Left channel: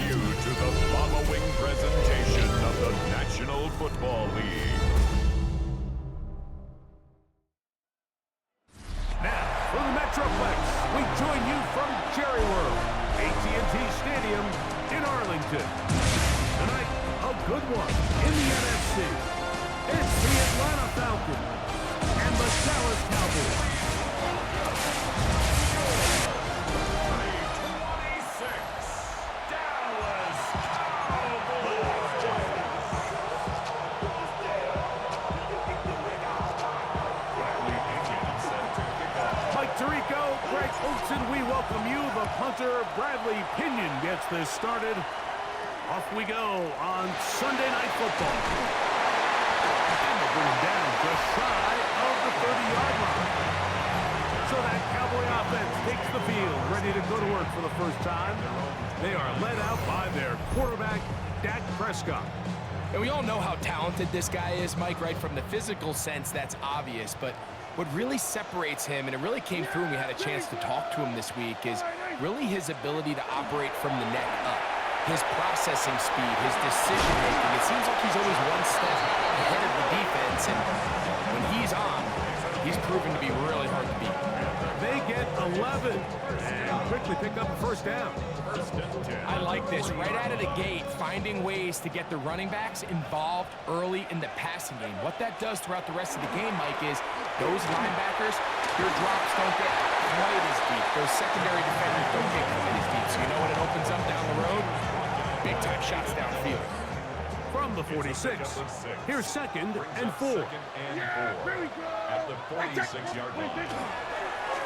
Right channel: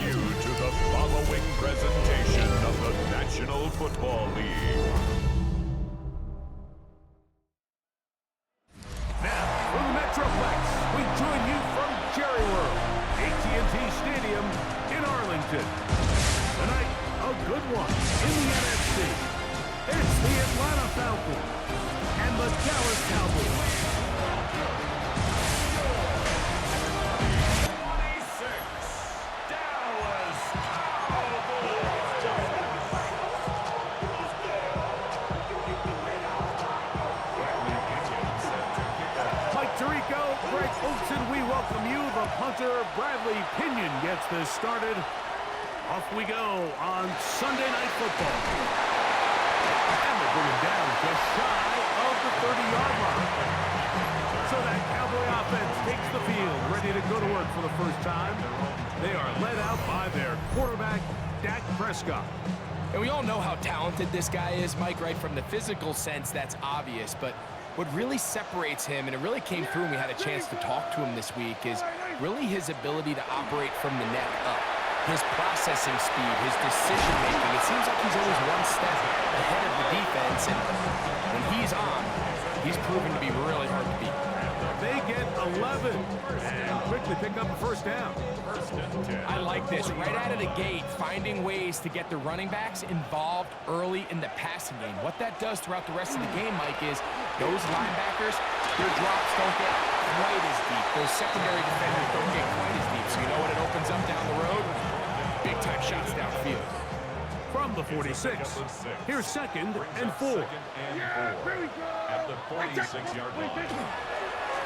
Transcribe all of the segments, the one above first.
you to the following presentation of the National Football League. Now, from the Metroplex, we join you from Jerry World, AT&T Stadium in Arlington. Tonight, a good one in the NFC. It's the Atlanta Falcons and the Dallas Cowboys. 26 Dallas Cowboys. Mike Tirico, Greg Olson, we welcome you. The punter, Bradley Pinion, gets this started. Off we go on Sunday Night Football. And they'll bring him down just shy of the 30-yard line. So that Cowboy offense takes the field, ready to go to work for the first time. They are led out by their quarterback, Dak Prescott. And we all know how talented this guy is, Mike, right? From the physical sense, that's obvious. But what really separates him, and it really came through when we had a chance to talk to him this week, is really his ability to operate from the neck up. His processing speed, his decision-making. It seems like he's always one step ahead of the defense, and when he's on, he's proven to be really hard to beat. They get 11 and quickly pick up a first down. I like this. Right out of the gate, finding ways to get the running backs involved early in the passing game. What that does throughout the rest of the game, Mike, is those linebackers, their drops don't get quite as deep. Those secondary defenders don't get quite as deep. So you know what it opens up down the road? Big-time shots downfield. From the 46, here's 2nd and 4. At the 46-yard line.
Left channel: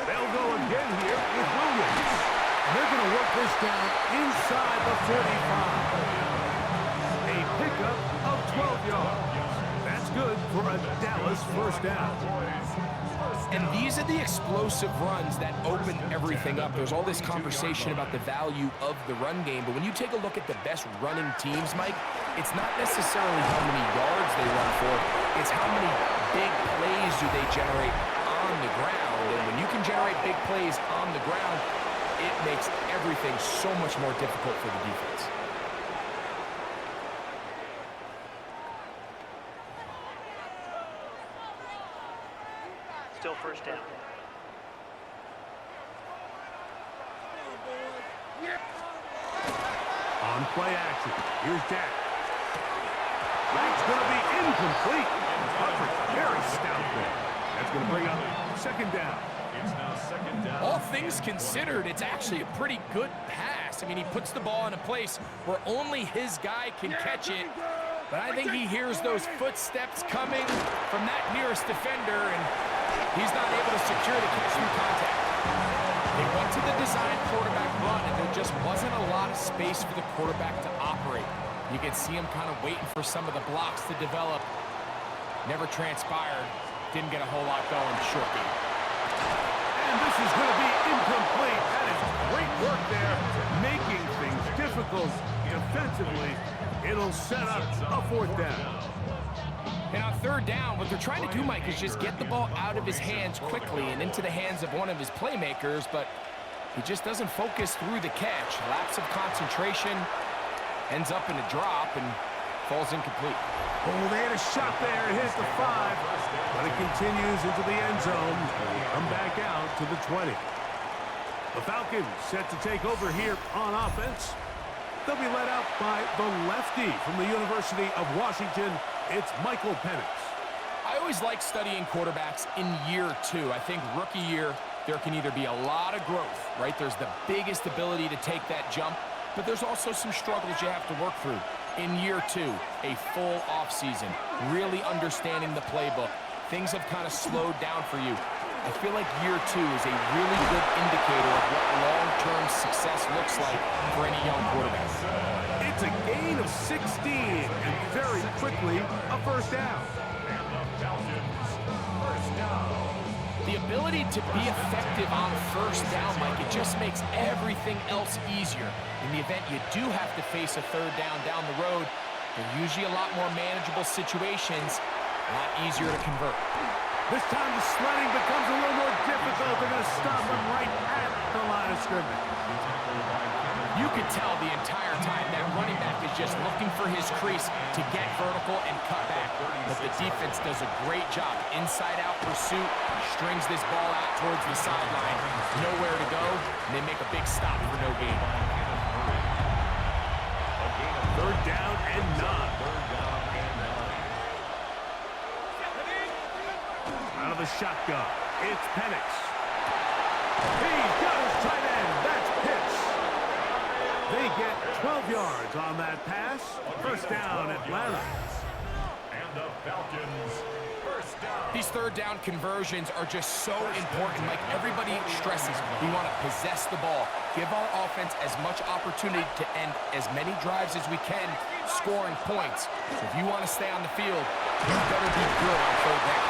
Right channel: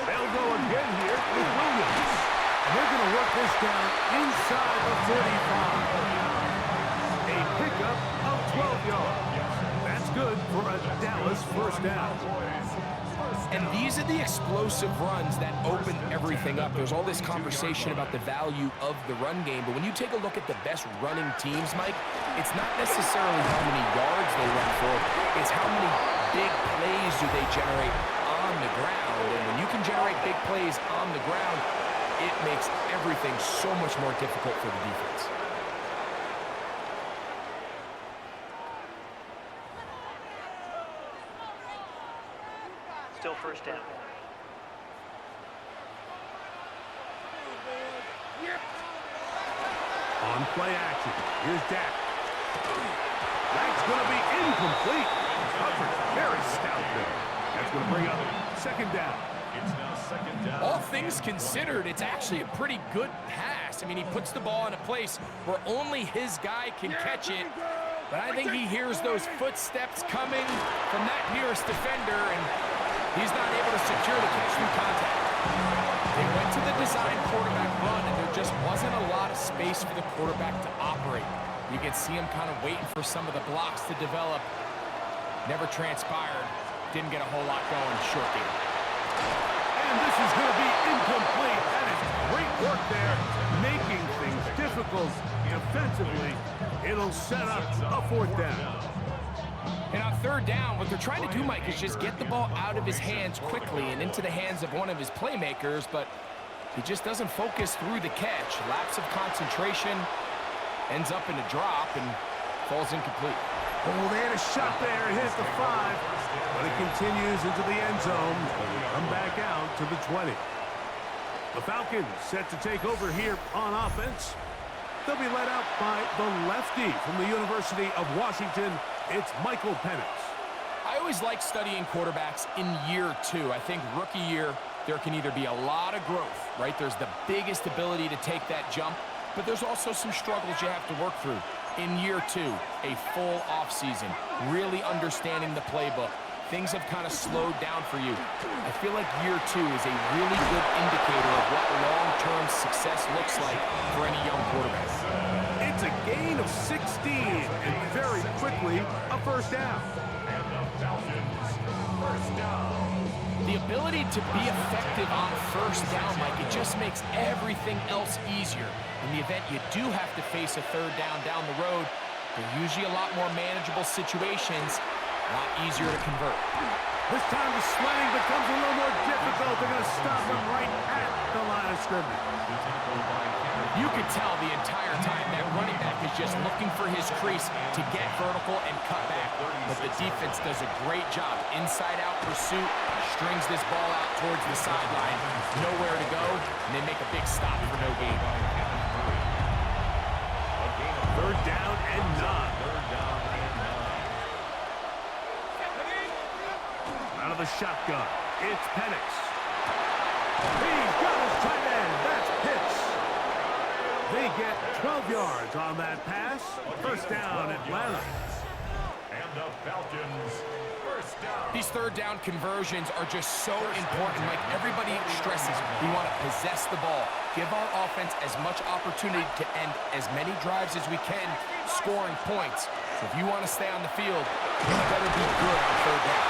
They'll go again here with Williams. And they're going to work this down inside the 45. A pickup of 12 yards. That's good for a Dallas first down. And these are the explosive runs that open everything up. There's all this conversation about the value of the run game, but when you take a look at the best running teams, Mike, it's not necessarily how many yards they run for, it's how many big plays do they generate on the ground. And when you can generate big plays on the ground, it makes everything so much more difficult for the defense. Still first down. On play action, here's Dak. That's going to be incomplete. Coverage very stout there. That's going to bring up 2nd down. It's now 2nd down. All things considered, it's actually a pretty good pass. I mean, he puts the ball in a place where only his guy can catch it. But I think he hears those footsteps coming from that nearest defender, and he's not able to secure the catch through contact. They went to the design quarterback run, and there just wasn't a lot of space for the quarterback to operate. You can see him kind of waiting for some of the blocks to develop. Never transpired. Didn't get a whole lot going. Short game. And this is going to be incomplete. That is great work there, making things difficult defensively. It'll set up a 4th down. And on 3rd down, what they're trying to do, Mike, is just get the ball out of his hands quickly and into the hands of one of his playmakers, but he just doesn't focus through the catch. Lapse of concentration, ends up in a drop, and falls incomplete. Oh, they had a shot there. It hit the 5, but it continues into the end zone. Come back out to the 20. The Falcons set to take over here on offense. They'll be led out by the lefty from the University of Washington. It's Michael Penix. I always like studying quarterbacks in year 2. I think rookie year, there can either be a lot of growth, right? There's the biggest ability to take that jump, but there's also some struggles you have to work through. In year 2, a full offseason, really understanding the playbook. Things have kind of slowed down for you. I feel like year 2 is a really good indicator of what long-term success looks like for any young quarterback. It's a gain of 16, and very quickly, a first down. And the Falcons, first down. The ability to be effective on first down, Mike, it just makes everything else easier. In the event you do have to face a 3rd down the road, they're usually a lot more manageable situations, a lot easier to convert. This time the sledding becomes a little more difficult. They're going to stop him right at the line of of scrimmage. You could tell the entire time that running back is just looking for his crease to get vertical and cut back. But the defense does a great job. Inside-out pursuit, strings this ball out towards the sideline. Nowhere to go, and they make a big stop for no gain. Third down and 9. Out of the shotgun, it's Penix. He's got his tight end. That's Pitts. They get 12 yards on that pass. First down, Atlanta. And the Falcons, first down. These third down conversions are just so important. Like everybody stresses, we want to possess the ball. Give our offense as much opportunity to end as many drives as we can, scoring points. So if you want to stay on the field, you better be good on third down.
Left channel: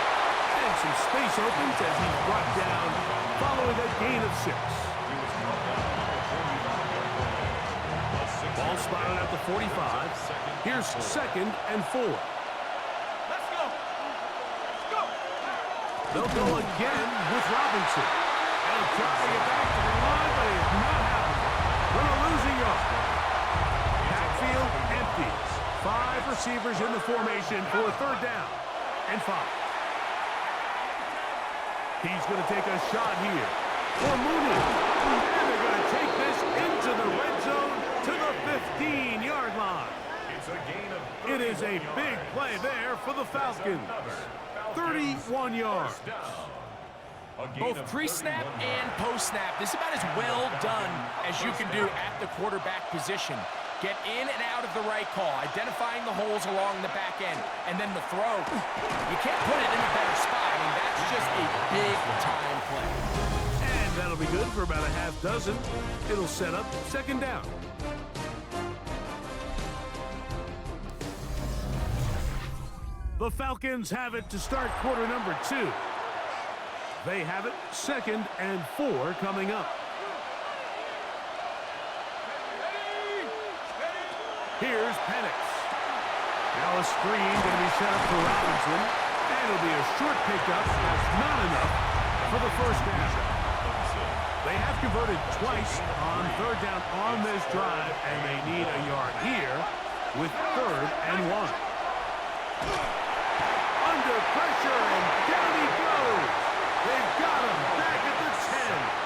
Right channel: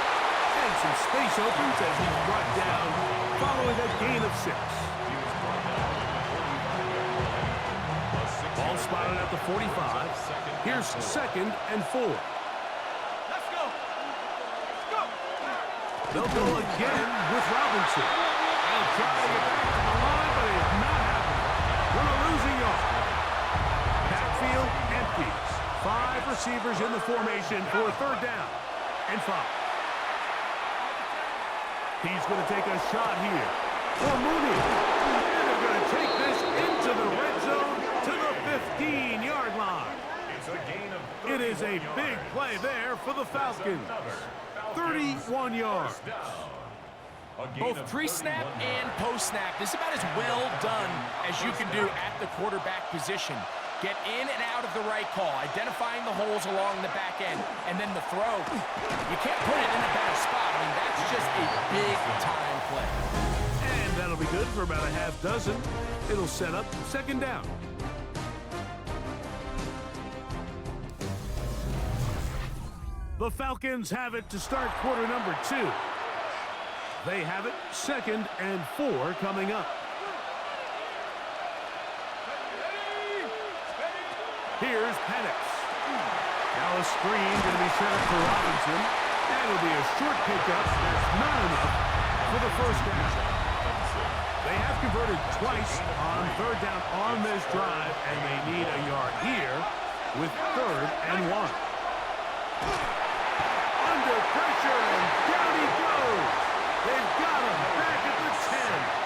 And some space opens as he's brought down following a gain of 6. Ball spotted at the 45. Here's 2nd and 4. Let's go. Let's go. They'll go again with Robinson. They'll try to get back to the line, but it's not happening. Gonna lose a yard. Backfield empties. 5 receivers in the formation for a third down and 5. He's going to take a shot here for Mooney. And they're going to take this into the red zone to the 15-yard line. It's a gain of It is a big play there for the Falcons. 31 yards. Both pre-snap and post-snap, this is about as well done as you can do at the quarterback position. Get in and out of the right call, identifying the holes along the back end, and then the throw. You can't put it in a better spot. I mean, that's just a big-time play. And that'll be good for about a half dozen. It'll set up 2nd down. The Falcons have it to start quarter number 2. They have it 2nd and 4 coming up. Here's Penix. Now a screen going to be set up for Robinson. And it'll be a short pickup. That's not enough for the first down. They have converted twice on third down on this drive, and they need a yard here with 3rd and 1. Under pressure, and down he goes. They've got him back at the 10.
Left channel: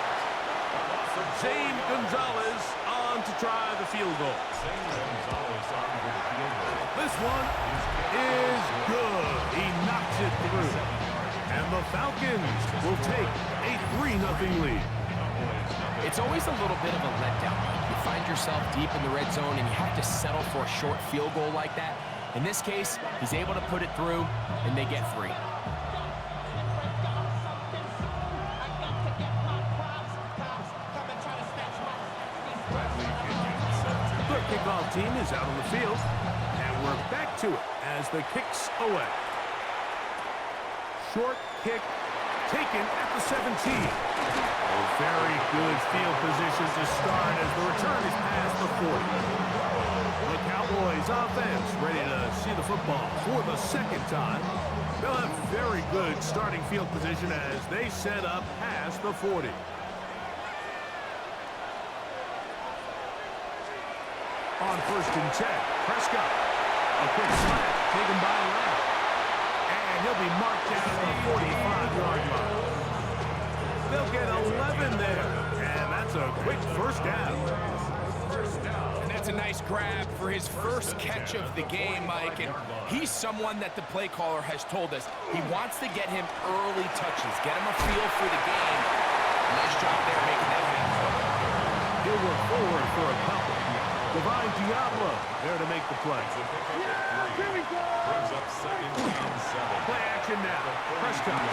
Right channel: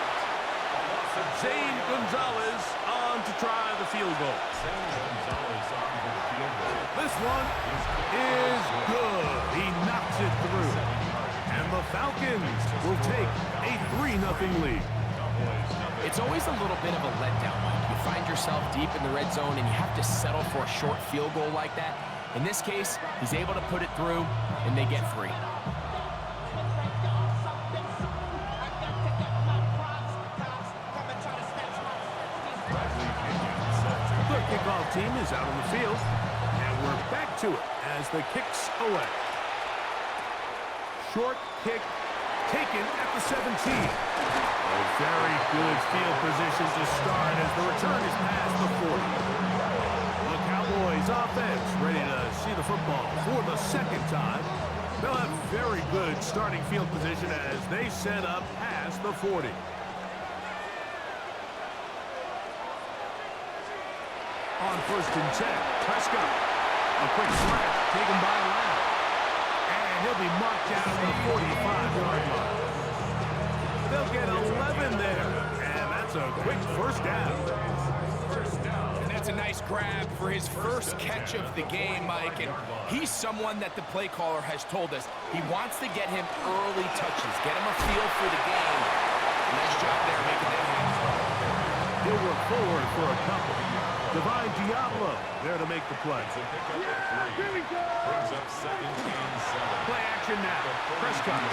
Zane Gonzalez on to try the field goal. This one is good. He knocks it through. And the Falcons will take a 3-0 lead. It's always a little bit of a letdown, Mike. You find yourself deep in the red zone and you have to settle for a short field goal like that. In this case, he's able to put it through, and they get 3. The kickoff team is out on the field, and we're back to it as the kick's away. Short kick taken at the 17. Oh, very good field position to start as the return is past the 40. The Cowboys offense ready to see the football for the 2nd time. They'll have very good starting field position as they set up past the 40. On 1st and 10, Prescott. A quick slant taken by Lamb. And he'll be marked down at the 45-yard line. They'll get 11 there. And that's a quick first down. And that's a nice grab for his first catch of the game, Mike. And he's someone that the play caller has told us he wants to get him early touches, get him a feel for the game. Nice job there making that happen. He'll work forward for a couple. Divine Diablo there to make the play. Here we go. Brings up 2nd and 7. Play action now. Prescott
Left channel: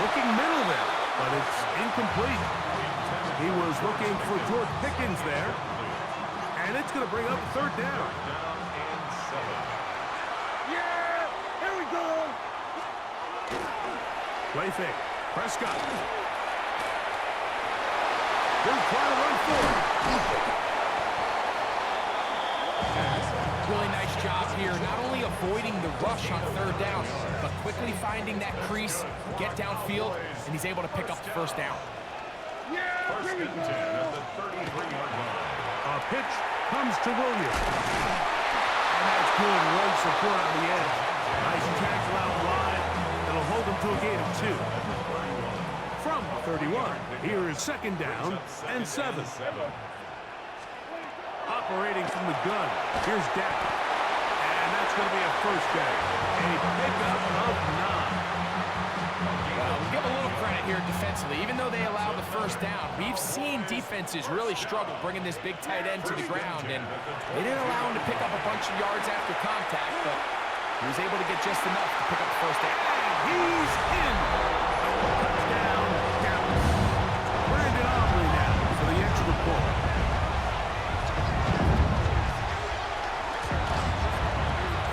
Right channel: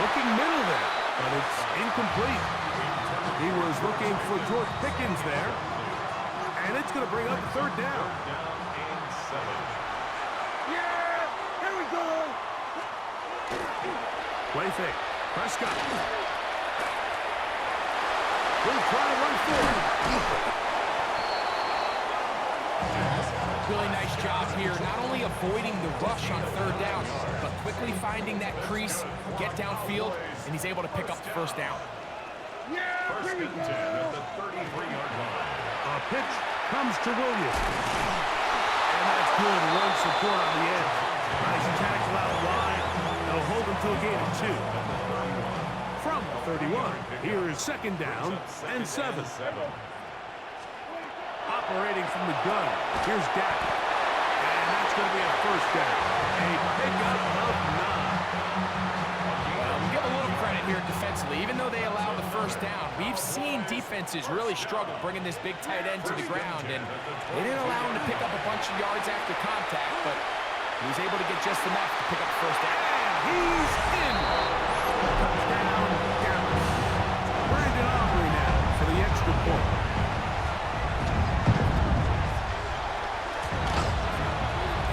looking middle there, but it's incomplete. He was looking for George Pickens there, and it's going to bring up 3rd down. Down and 7. Yeah, here we go. Play fake. Prescott. He'll try to run forward. Really nice job here, not only avoiding the rush on 3rd down, but quickly finding that crease, get downfield, and he's able to pick up the 1st down. First and 10 at the 33-yard line. A pitch comes to Williams. And that's good run support on the edge. Nice tackle out wide. That'll hold him to a gain of 2. From the 31, here is second down and 7. Operating from the gun, here's Dak. And that's going to be a first down. A pickup of 9. Well, we'll give a little credit here defensively. Even though they allowed the first down, we've seen defenses really struggle bringing this big tight end to the ground, and they didn't allow him to pick up a bunch of yards after contact, but he was able to get just enough to pick up the first down. And he's in. Touchdown, Dallas. Brandon Aubrey now for the extra point.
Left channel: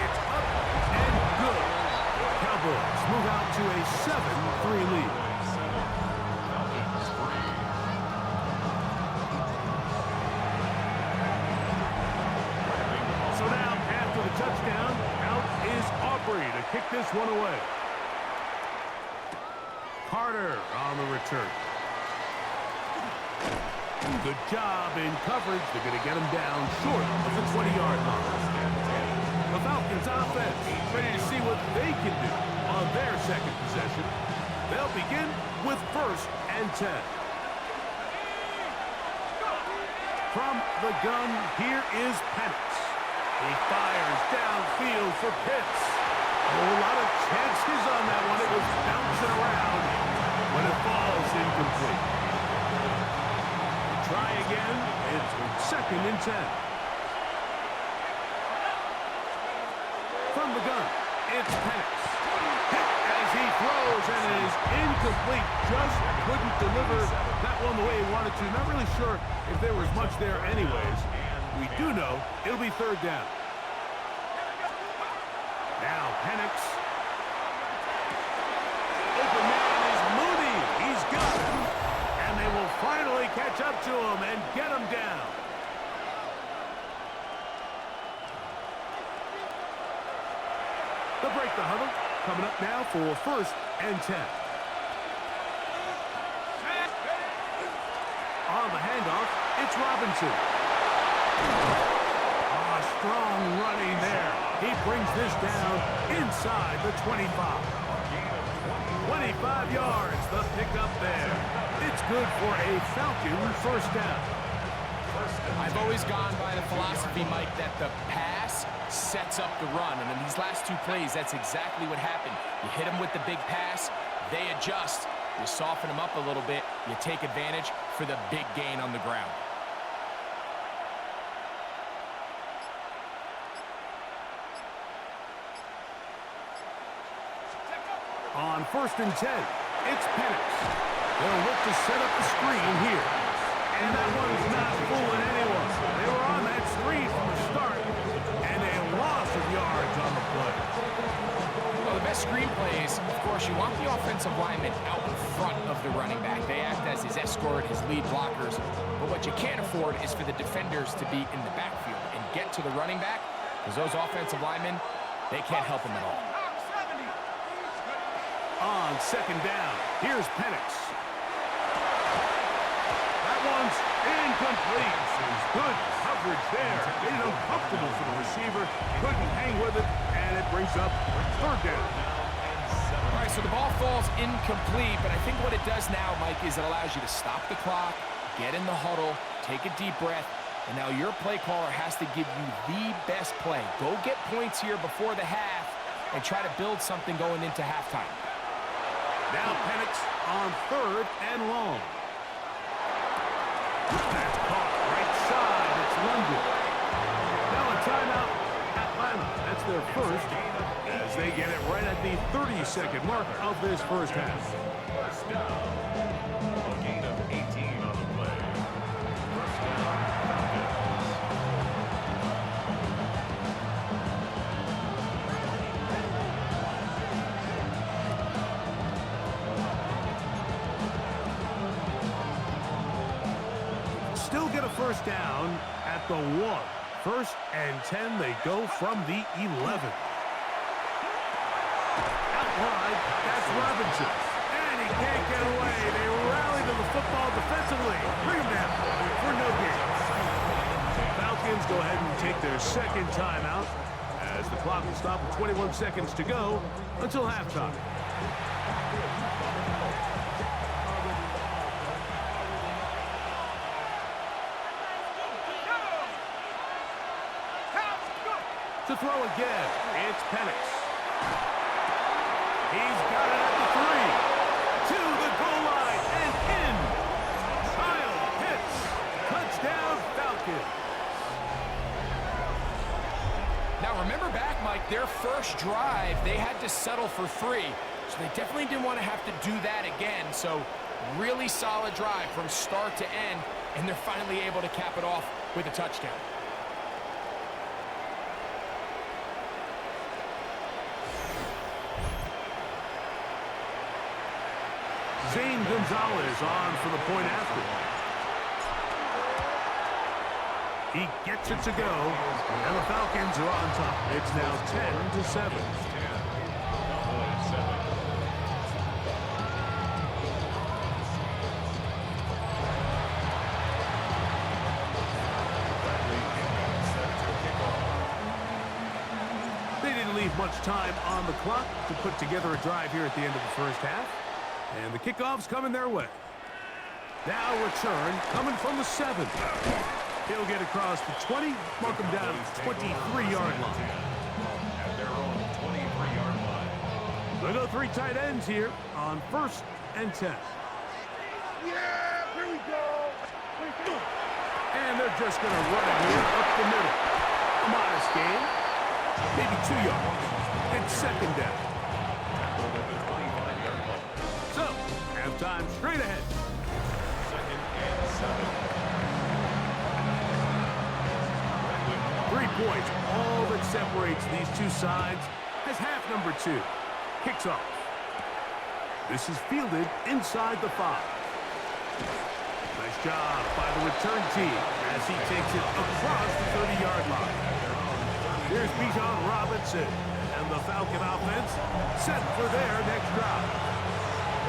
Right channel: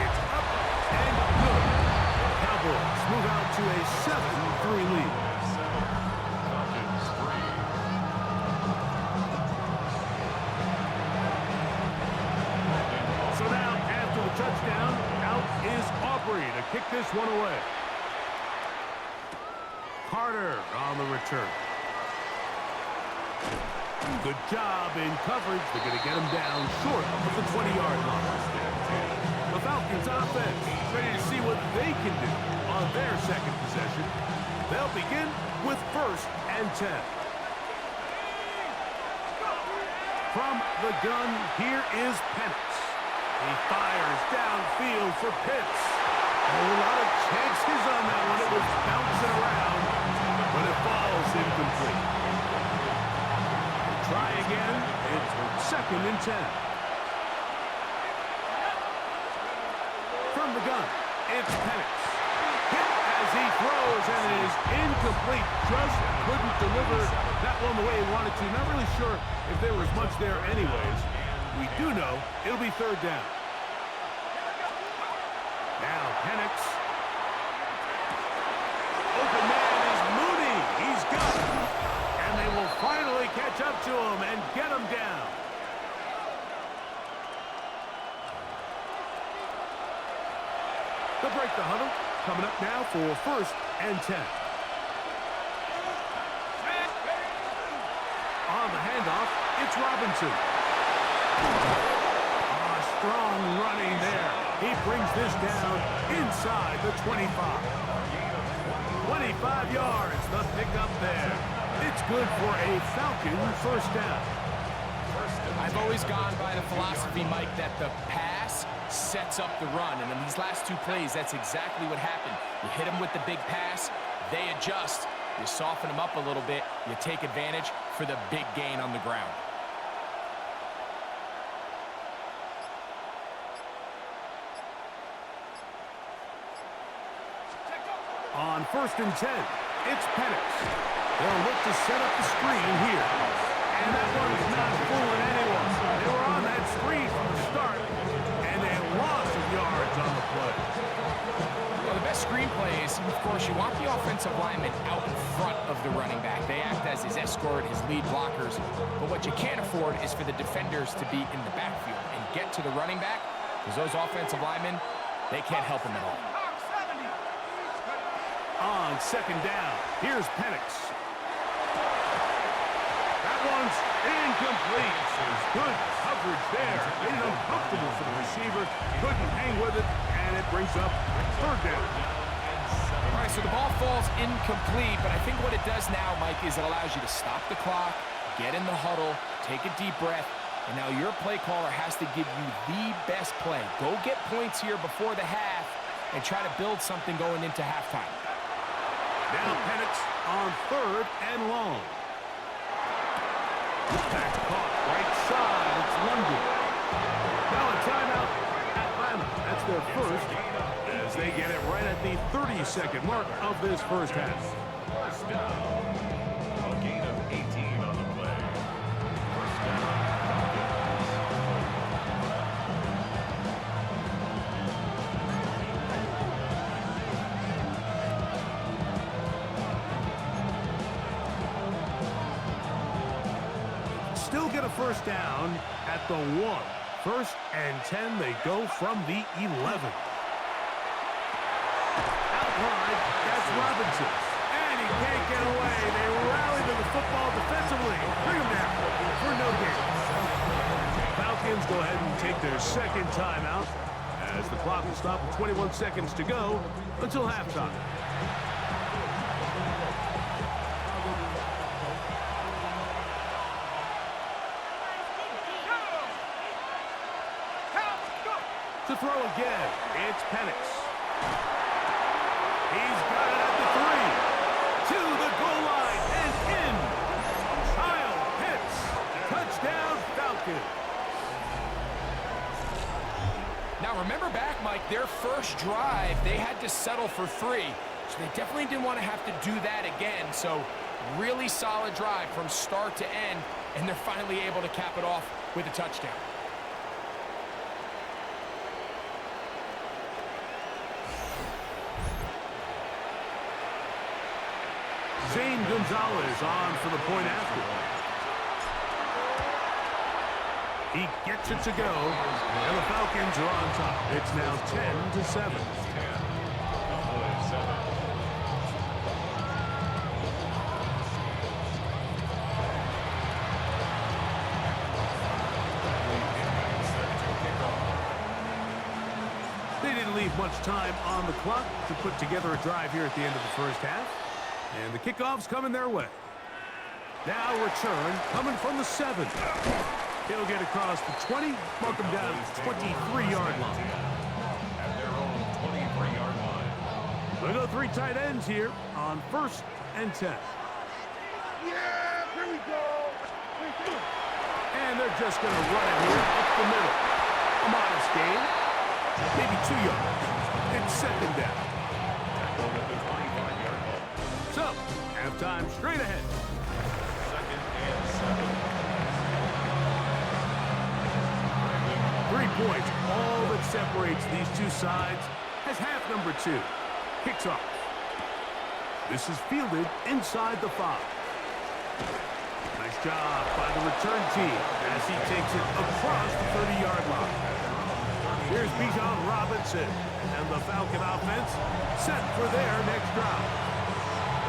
It's up and good. Cowboys move out to a 7-3 lead. Falcons 3. So now, after the touchdown, out is Aubrey to kick this one away. Carter on the return. Good job in coverage. They're going to get him down short of the 20-yard line. The Falcons offense ready to see what they can do on their second possession. They'll begin with first and 10. From the gun, here is Penix. He fires downfield for Pitts. A whole lot of chances on that one. It was bouncing around, but it falls incomplete. We'll try again. It's second and 10. From the gun, it's Penix. Hit as he throws, and it is incomplete. Just couldn't deliver that one the way he wanted to. Not really sure if there was much there anyways. We do know it'll be third down. Now Penix. Open man is Mooney. He's got it. And they will finally catch up to him and get him down. They'll break the huddle. Coming up now for first and 10. On the handoff, it's Robinson. Strong running there. He brings this down inside the 25. 25 yards, the pickup there. It's good for a Falcon first down. I've always gone by the philosophy, Mike, that the pass sets up the run. And in these last two plays, that's exactly what happened. You hit them with the big pass, they adjust. You soften them up a little bit, you take advantage for the big gain on the ground. On first and 10, it's Penix. They'll look to set up the screen here. And that one's not fooling anyone. They were on that screen from the start, and a loss of yards on the play. Well, the best screen plays, of course, you want the offensive lineman out in front of the running back. They act as his escort, his lead blockers. But what you can't afford is for the defenders to be in the backfield and get to the running back, because those offensive linemen, they can't help him at all. On second down, here's Penix. That one's incomplete. Good coverage there. Made it uncomfortable for the receiver. Couldn't hang with it, and it brings up third down. All right, so the ball falls incomplete, but I think what it does now, Mike, is it allows you to stop the clock, get in the huddle, take a deep breath, and now your play caller has to give you the best play. Go get points here before the half and try to build something going into halftime. Now Penix on third and long. That's caught right side. It's London. Now a timeout, Atlanta. That's their first, as they get it right at the 30-second mark of this first half. First down. A gain of 18 on the play. First down, Falcons. Still get a first down at the 1. First and 10, they go from the 11. Out wide, that's Robinson. And he can't get away. They rally to the football defensively. Bring him down for no gain. Falcons go ahead and take their second timeout as the clock will stop with 21 seconds to go until halftime. To throw again, it's Penix. He's got it at the 3. To the goal line and in. Kyle Pitts. Touchdown, Falcons. Now remember back, Mike, their first drive, they had to settle for 3. So they definitely didn't want to have to do that again. So really solid drive from start to end, and they're finally able to cap it off with a touchdown. Zane Gonzalez on for the point after. He gets it to go, and the Falcons are on top. It's now 10-7. Cowboys 7. They didn't leave much time on the clock to put together a drive here at the end of the first half. And the kickoff's coming their way. Now return coming from the 7. He'll get across the 20, mark him down at the 23-yard line. At their own 23-yard line. They'll go 3 tight ends here on 1st and 10. Yeah, here we go. And they're just going to run it here up the middle. A modest gain, maybe 2 yards. It's 2nd down. Tackled at the 25-yard line. So, halftime straight ahead. 2nd and 7. 3 points, all that separates these two sides, as half number 2 kicks off. This is fielded inside the 5. Nice job by the return team as he takes it across the 30-yard line. Here's Bijan Robinson, and the Falcon offense set for their next drive.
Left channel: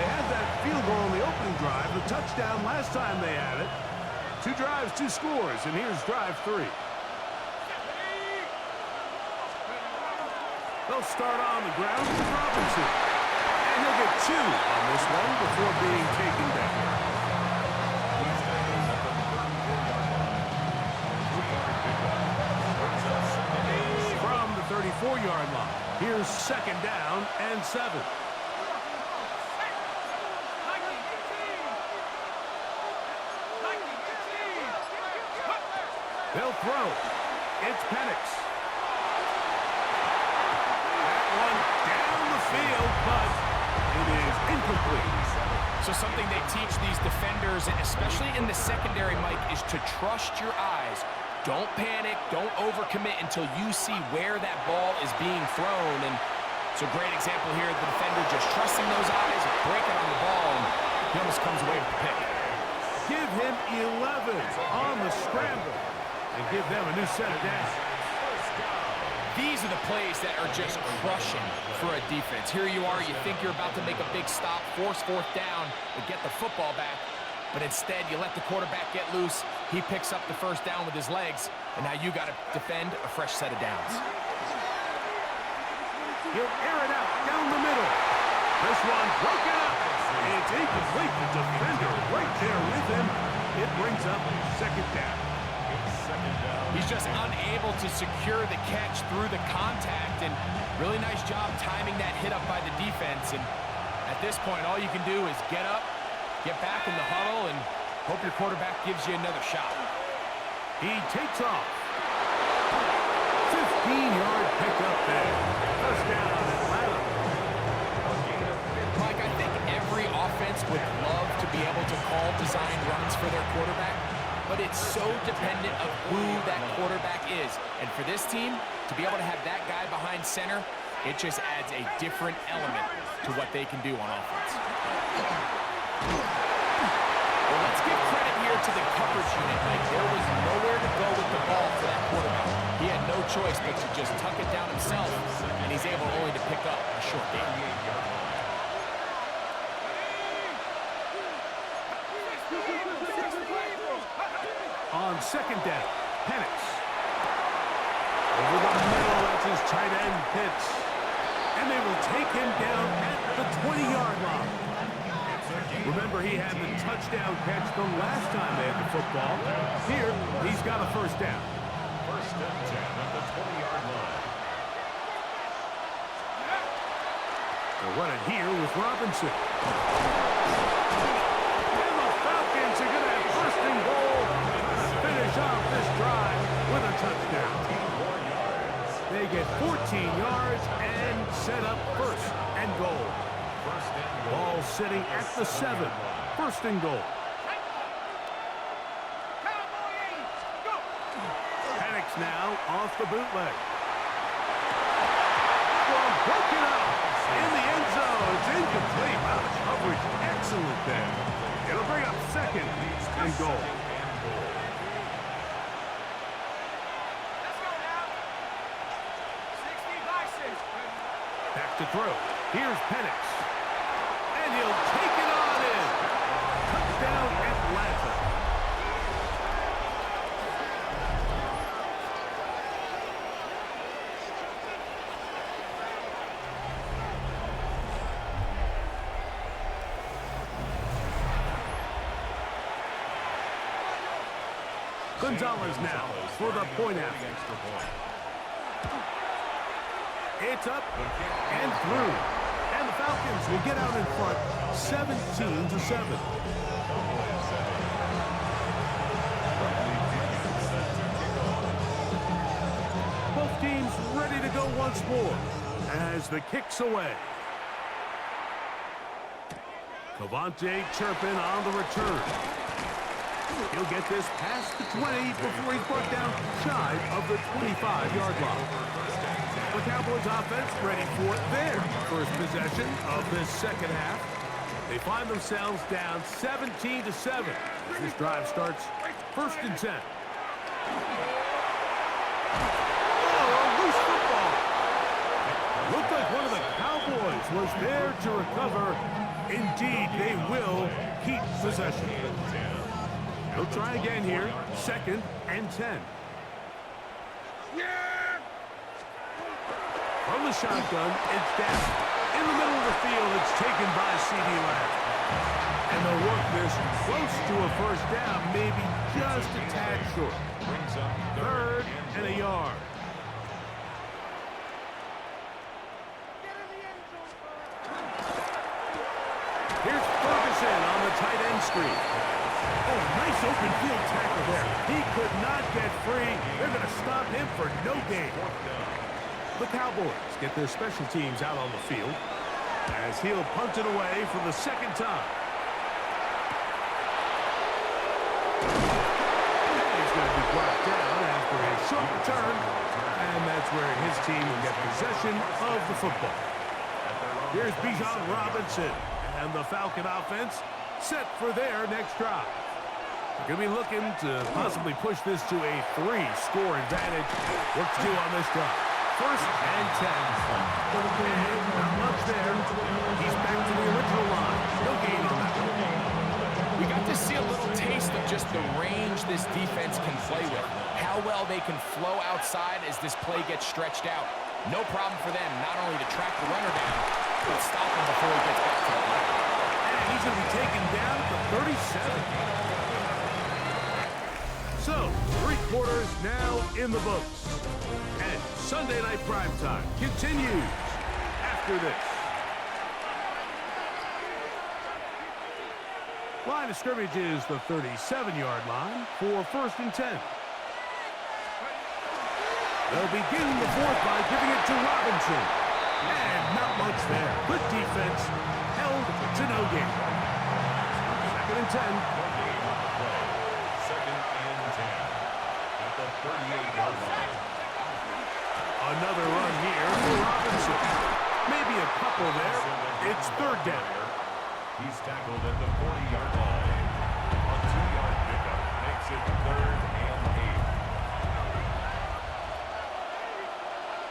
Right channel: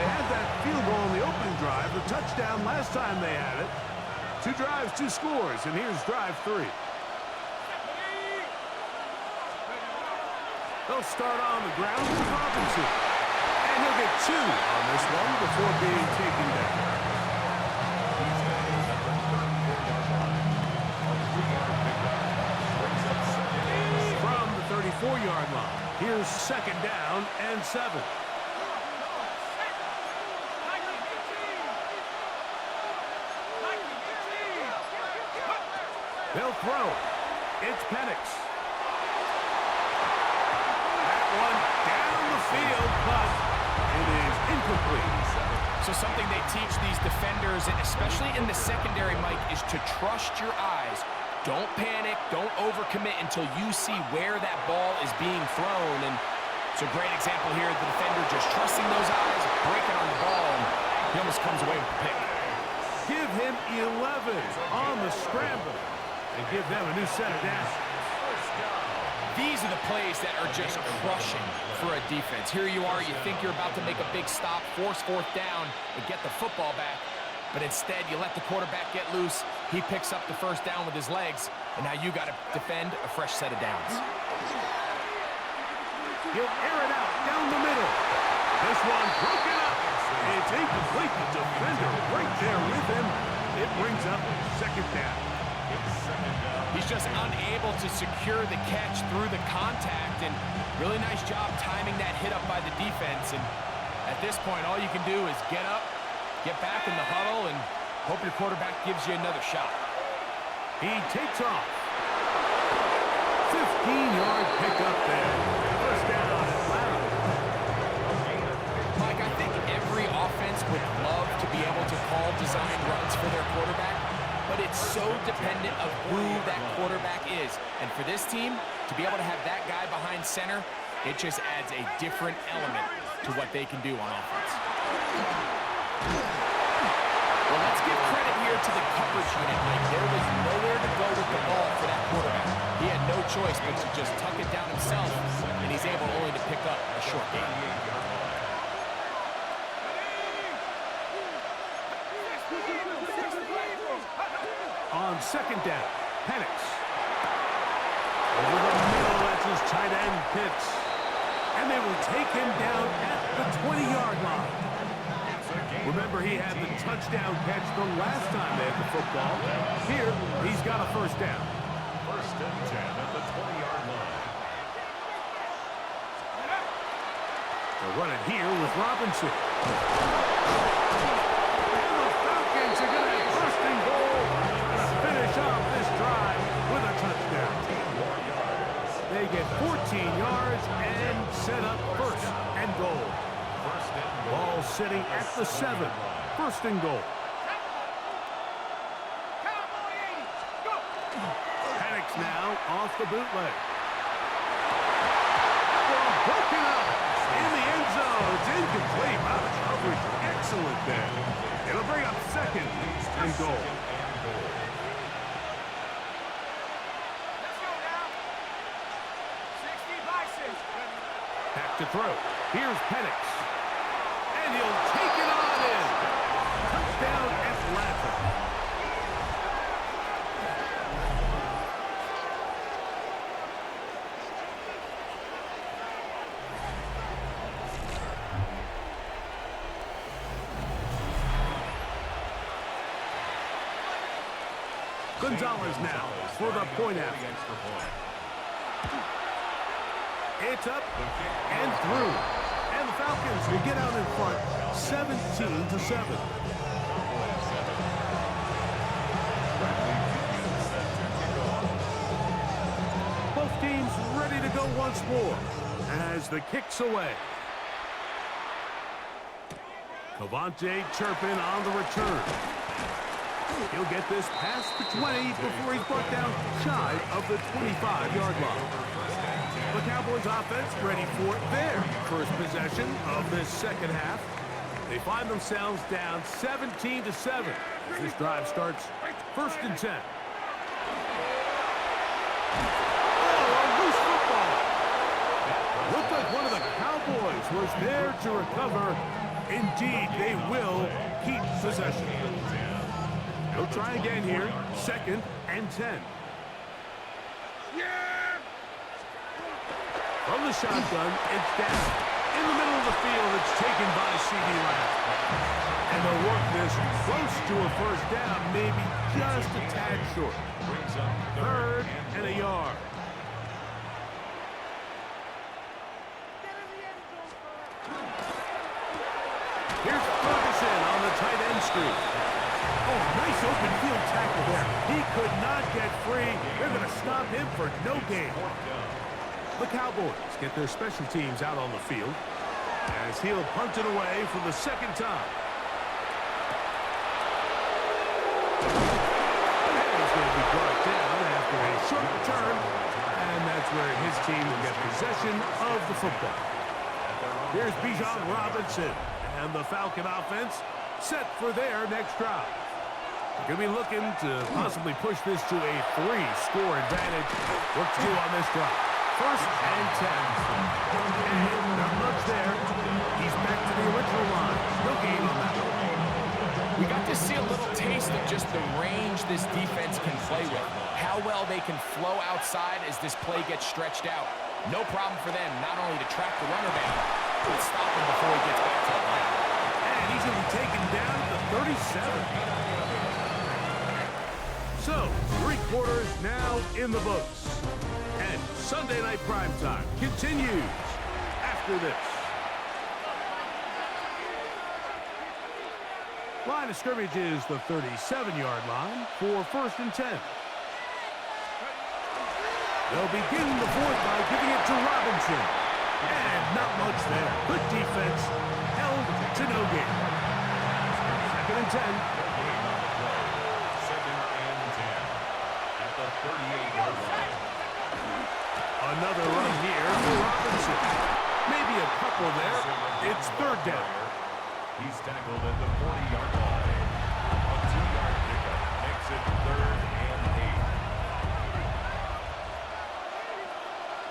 They had that field goal on the opening drive, the touchdown last time they had it. 2 drives, 2 scores, and here's drive 3. They'll start on the ground with Robinson. And he'll get 2 on this one before being taken down. He's tackled at the 34-yard line. On 3-yard pickup. Brings up 2nd and 7. From the 34-yard line, here's 2nd down and 7. They'll throw. It's Penix. That one down the field, but it is incomplete. So something they teach these defenders, especially in the secondary, Mike, is to trust your eyes. Don't panic, don't overcommit until you see where that ball is being thrown. And it's a great example here, the defender just trusting those eyes, breaking on the ball, and he almost comes away with the pick. Give him 11 on the scramble and give them a new set of downs. These are the plays that are just crushing for a defense. Here you are, you think you're about to make a big stop, force 4th down, and get the football back. But instead, you let the quarterback get loose. He picks up the 1st down with his legs, and now you got to defend a fresh set of downs. He'll air it out down the middle. This one broken up. It's incomplete. The defender right there with him. It brings up 2nd down. He's just unable to secure the catch through the contact, and really nice job timing that hit up by the defense. And at this point, all you can do is get up, get back in the huddle, and hope your quarterback gives you another shot. He takes off. 15-yard pickup there. 1st down, Atlanta. Mike, I think every offense would love to be able to call design runs for their quarterback, but it's so dependent of who that quarterback is. And for this team, to be able to have that guy behind center, it just adds a different element to what they can do on offense. Well, let's give credit here to the coverage unit, Mike. There was nowhere to go with the ball for that quarterback. He had no choice but to just tuck it down himself, and he's able only to pick up a short gain. on second down. Penix. Over the middle, that's his tight end, Pitts. And they will take him down at the 20-yard line. Remember, he had the touchdown catch the last time they had the football. Here, he's got a first down. First and 10 at the 20-yard line. They'll run it here with Robinson. And the Falcons are going to have first and goal, trying to finish off this drive with a touchdown. 10 more yards. They get 14 yards and set up first and goal. First and goal. Ball sitting at the 7. First and goal. Penix now off the bootleg. Well, broken up in the end zone. It's incomplete. Wow, the coverage excellent there. It'll bring up second and goal. Let's go now. 60 by 6. Back to throw. Here's Penix. And he'll take it on in. Touchdown, Atlanta. Gonzalez now for the point after. It's up and through. And the Falcons will get out in front 17-7. Both teams ready to go once more as the kick's away. Cavante Turpin on the return. He'll get this past the 20 before he's brought down shy of the 25-yard line. The Cowboys offense ready for their first possession of this second half. They find themselves down 17-7. This drive starts first and 10. Oh, a loose football. Looked like one of the Cowboys was there to recover. Indeed, they will keep possession. He'll try again here. Second and 10. From the shotgun, it's down. In the middle of the field, it's taken by C.D. Lamb. And they'll work this close to a first down, maybe just a tad short. Third and a yard. Here's Ferguson on the tight end screen. Oh, nice open field tackle there. He could not get free. They're going to stop him for no gain. The Cowboys get their special teams out on the field as he'll punt it away for the second time. And he's going to be brought down after a short return, and that's where his team will get possession of the football. Here's Bijan Robinson, and the Falcon offense set for their next drive. They're going to be looking to possibly push this to a 3-score advantage. Work to do on this drive. First and 10. And not much there. He's back to the original line. No gain on that one. We got to see a little taste of just the range this defense can play with. How well they can flow outside as this play gets stretched out. No problem for them not only to track the runner down, but stop him before he gets back to the line. And he's going to be taken down at the 37. So, 3 quarters now in the books. And Sunday Night Primetime continues after this. Line of scrimmage is the 37-yard line for first and 10. They'll begin the fourth by giving it to Robinson. And not much there. Good defense. Held to no gain. Second and 10. No gain on the play. Second and 10 at the 38-yard line. Another run here for Robinson. Maybe a couple there. It's third down. He's tackled at the 40-yard line. A 2-yard pickup makes it third and 8.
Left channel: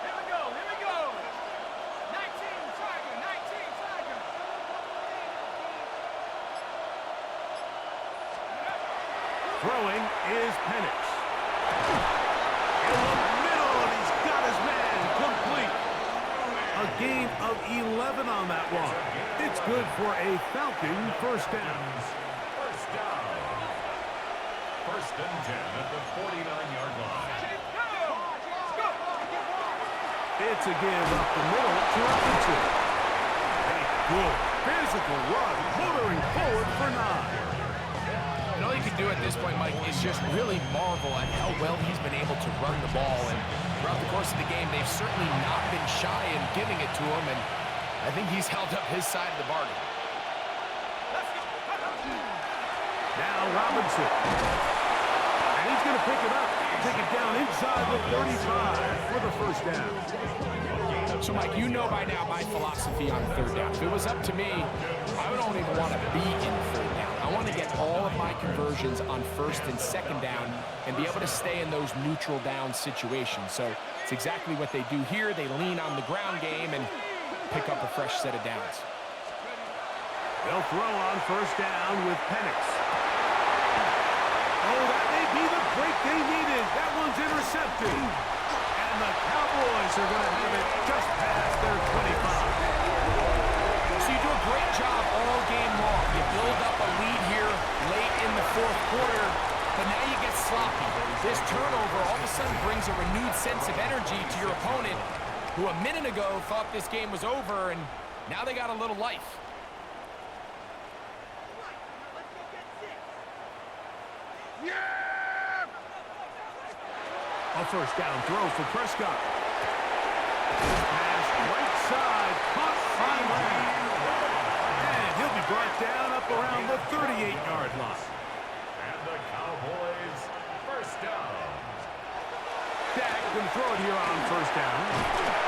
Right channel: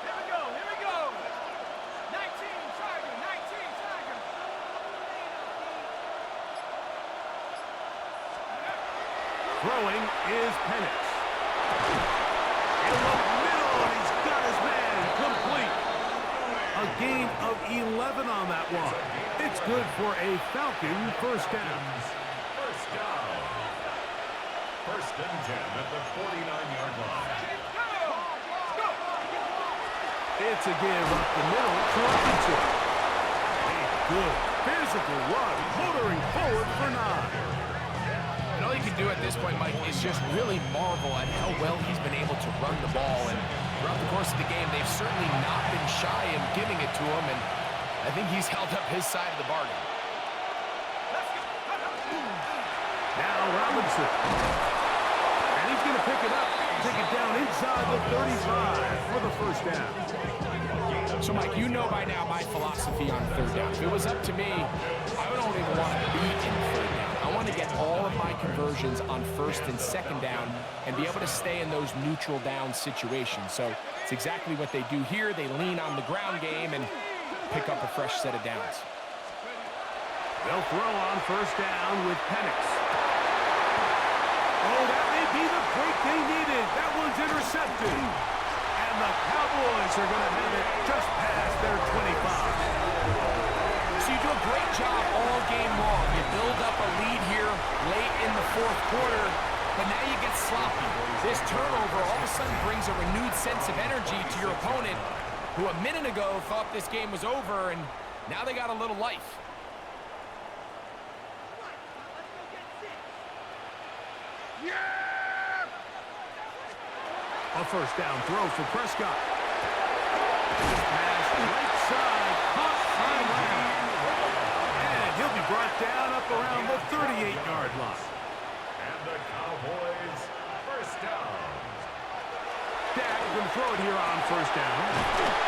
Here we go. 19 Tiger. Throwing is Penix. In the middle, and he's got his man complete. A gain of 11 on that one. It's good for a Falcon first down. First down. First and 10 at the 49-yard line. It's a give up the middle to Robinson. A good physical run, motoring forward for 9. And all you can do at this point, Mike, is just really marvel at how well he's been able to run the ball. And throughout the course of the game, they've certainly not been shy in giving it to him. And I think he's held up his side of the bargain. Now Robinson. And he's going to pick it up. Take it down inside the 35 for the first down. So, Mike, you know by now my philosophy on third down. If it was up to me, I don't even want to be in third down. I want to get all of my conversions on first and second down and be able to stay in those neutral down situations. So it's exactly what they do here. They lean on the ground game and pick up a fresh set of downs. They'll throw on first down with Penix. Oh, that may be the break they needed. That one's intercepted. And the Cowboys are going to have it just past their 25. So you do a great job all game long. You build up a lead here late in the fourth quarter, but now you get sloppy. This turnover all of a sudden brings a renewed sense of energy to your opponent, who a minute ago thought this game was over, and now they got a little life. A first down throw for Prescott. This pass right side, caught by Lamb. And he'll be brought down up around the 38-yard line. And the Cowboys first down. Dak going to throw it here on first down.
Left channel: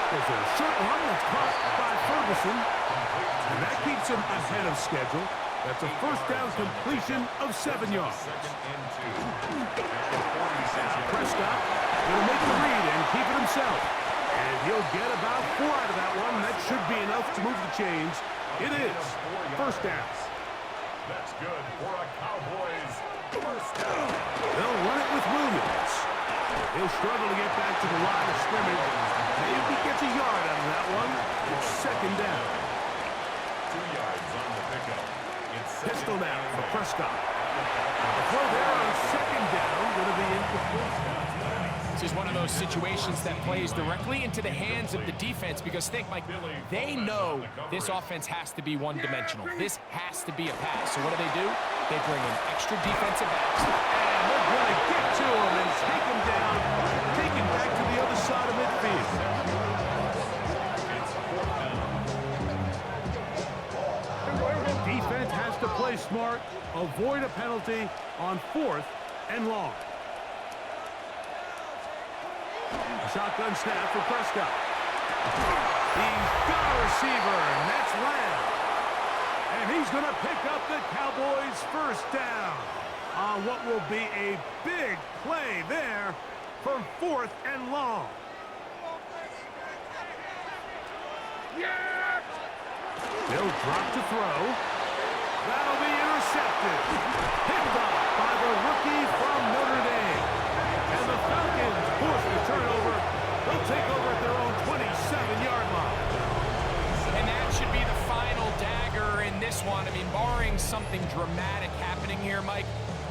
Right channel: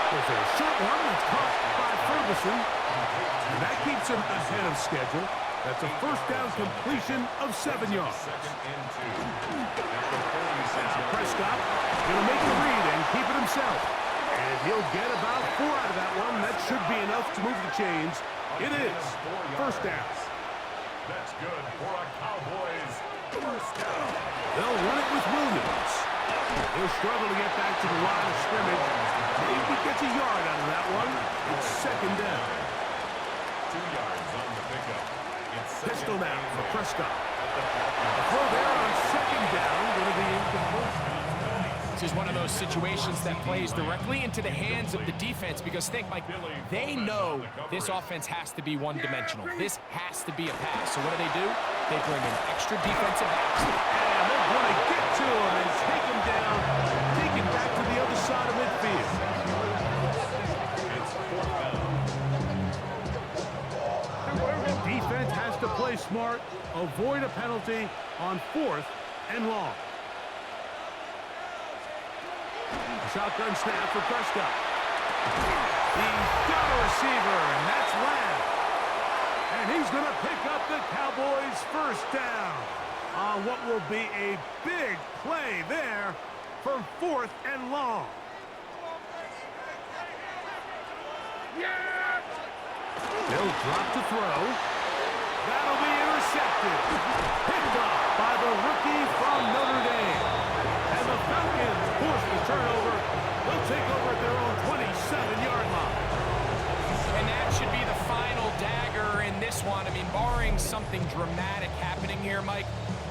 There's a short one that's caught by Ferguson. And that keeps him ahead of schedule. That's a first down completion of 7 yards. Second and 2. At the 46-yard Prescott going to make the read and keep it himself. And he'll get about 4 out of that one. That should be enough to move the chains. It is first down. That's good for a Cowboys first down. They'll run it with Williams. He'll struggle to get back to the line of scrimmage. Maybe he gets a yard out of that one. It's second down. 2 yards on the pickup. Pistol now for Prescott. The throw there on second down going to be incomplete. This is one of those situations that plays directly into the hands of the defense because think, Mike, they know this offense has to be one-dimensional. This has to be a pass. So what do? They bring in extra defensive backs. And they're going to get to him and take him down, take him back to the other side of midfield. It's fourth down. Defense has to play smart, avoid a penalty on 4th and long. A shotgun snap for Prescott. He's got a receiver, and that's Lamb. And he's going to pick up the Cowboys' first down on what will be a big play there from 4th and long. They'll drop to throw. That'll be intercepted. Picked off by the rookie from Notre Dame. And the Falcons force the turnover. They'll take over at their own 27-yard line. And that should be the final dagger in this one. I mean, barring something dramatic happening here, Mike,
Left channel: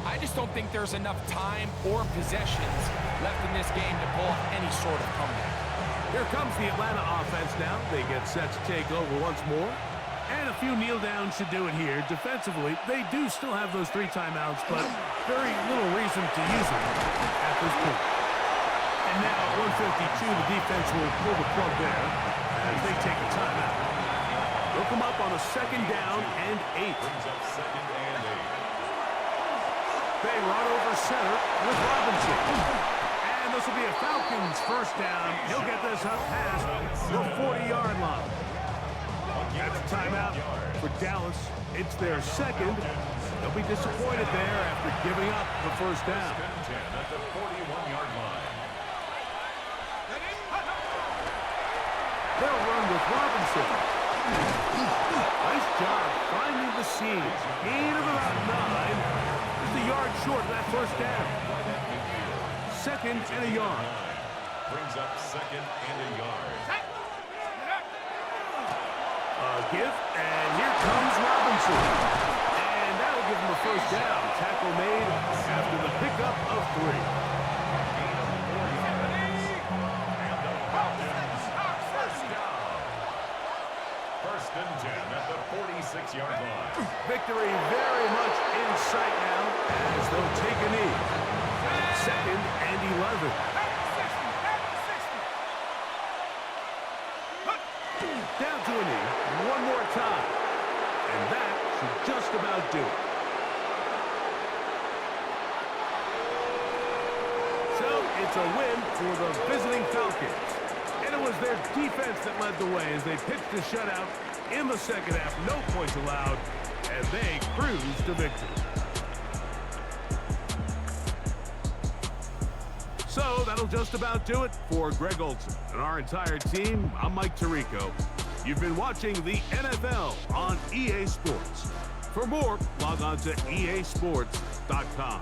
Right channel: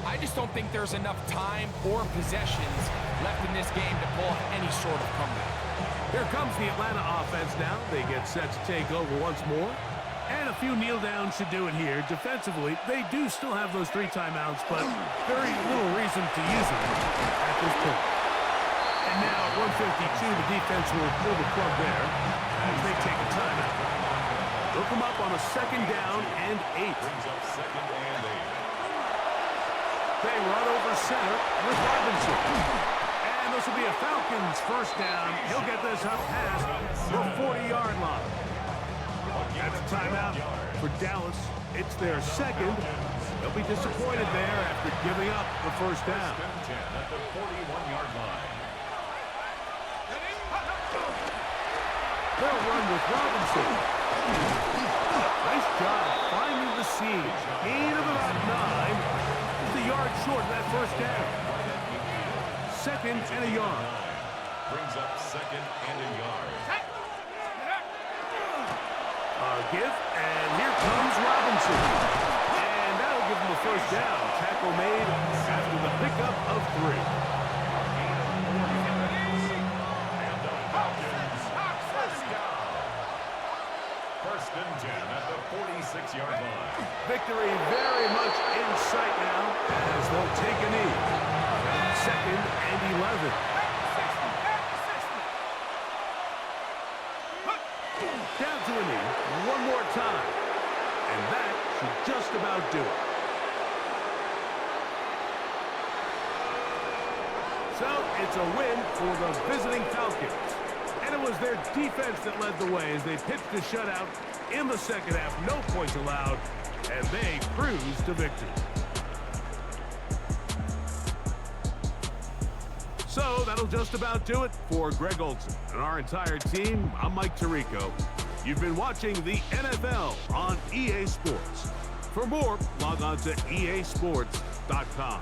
I just don't think there's enough time or possessions left in this game to pull off any sort of comeback. Here comes the Atlanta offense now. They get set to take over once more. And a few kneel downs should do it here. Defensively, they do still have those 3 timeouts, but very little reason to use them at this point. And now at 152, the defense will pull the plug there as they take a timeout. They'll come up on a second down and 8. Brings up second and 8. They run over center with Robinson. And this will be a Falcons first down. He'll get this up past the 40-yard line. That's a timeout for Dallas. It's their second. They'll be disappointed there after giving up the first down. First and 10 at the 41-yard line. They'll run with Robinson. Nice job finding the seam. Gain of about 9. Just a yard short of that first down. Second and a yard. Brings up second and a yard. A give, and here comes Robinson. And that'll give him a first down. Tackle made after the pickup of 3. A gain of 4 yards. And the Falcons, first down. First and 10 at the 46-yard line. Victory very much in sight now as they'll take a knee. Second and 11. Down to a knee one more time. And that should just about do it. So it's a win for the visiting Falcons. And it was their defense that led the way as they pitched a shutout in the second half. No points allowed, and they cruised to victory. So that'll just about do it for Greg Olson and our entire team. I'm Mike Tirico. You've been watching the NFL on EA Sports. For more, log on to easports.com.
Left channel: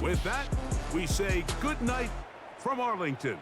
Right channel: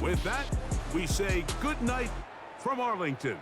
With that, we say good night from Arlington.